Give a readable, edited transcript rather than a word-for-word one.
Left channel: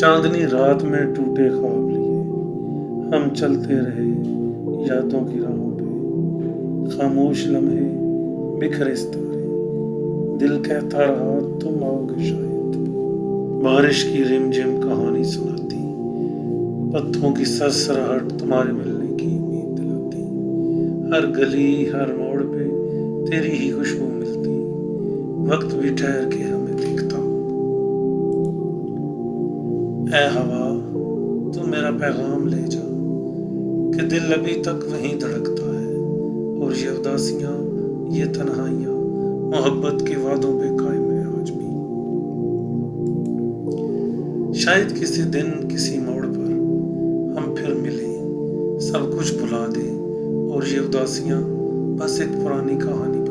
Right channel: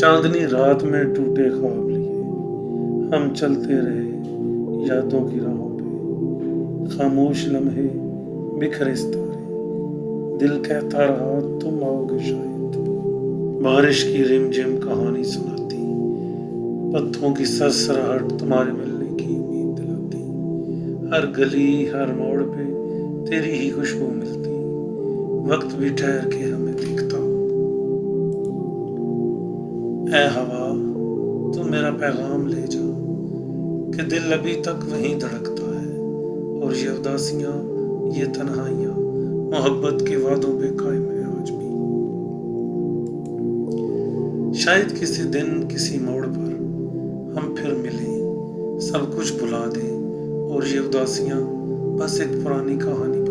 چاندنی رات میں ٹوٹے خواب لیے ہم چلتے رہے یادوں کی راہوں پہ، خاموش لمحے بکھرے ستارے، دل کہتا رہا تم آؤ گے شاید۔ بارش کی رم جم کہانی سناتی، پتھروں کی سرسراہٹ تمہارے ملنے کی امید دلاتی، ہر گلی ہر موڑ پہ تیری ہی خوشبو ملتی، وقت بھی ٹھہر کے ہمیں دیکھتا۔ اے ہوا تو میرا پیغام لے جا، کہ دل ابھی تک وہیں دھڑکتا ہے، اور یہ اداسیاں یہ تنہائیاں محبت کے وعدوں پہ قائم ہے آج بھی۔ شاید کسی دن کسی موڑ پر ہم پھر ملیں، سب کچھ بھلا دیں، اور یہ اداسیاں بس ایک پرانی کہانی